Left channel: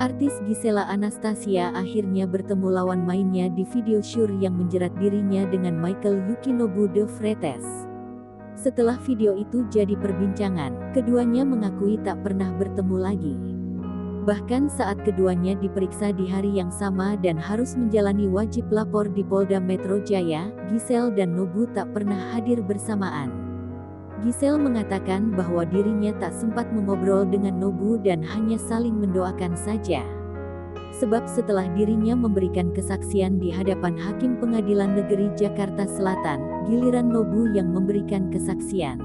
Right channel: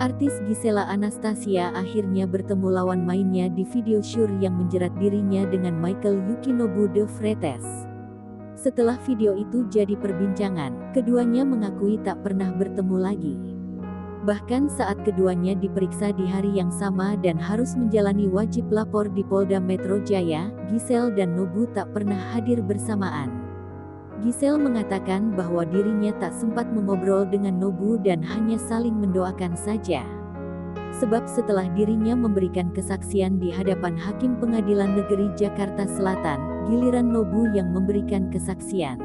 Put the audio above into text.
Artis Gisela Anastasia akhirnya bertemu lawan mainnya di video syur yang menjerat dirinya dengan Michael Yukinobu de Freitas. Setelah video itu jadi perbincangan, keduanya mengakui tak pernah bertemu lagi. Bahkan saat keduanya diperiksa di hari yang sama dan harus menjalani wajib lapor di Polda Metro Jaya, Gisel dan Nobu tak pernah hadir bersamaan. Gisel mengatakan bahwa dirinya tak sempat mengobrol dengan Nobu dan hanya saling mendoakan saja. Sebab setelah dirinya memberikan kesaksian di hadapan Hakim Pengadilan Negeri Jakarta Selatan, giliran Nobu yang memberikan kesaksian.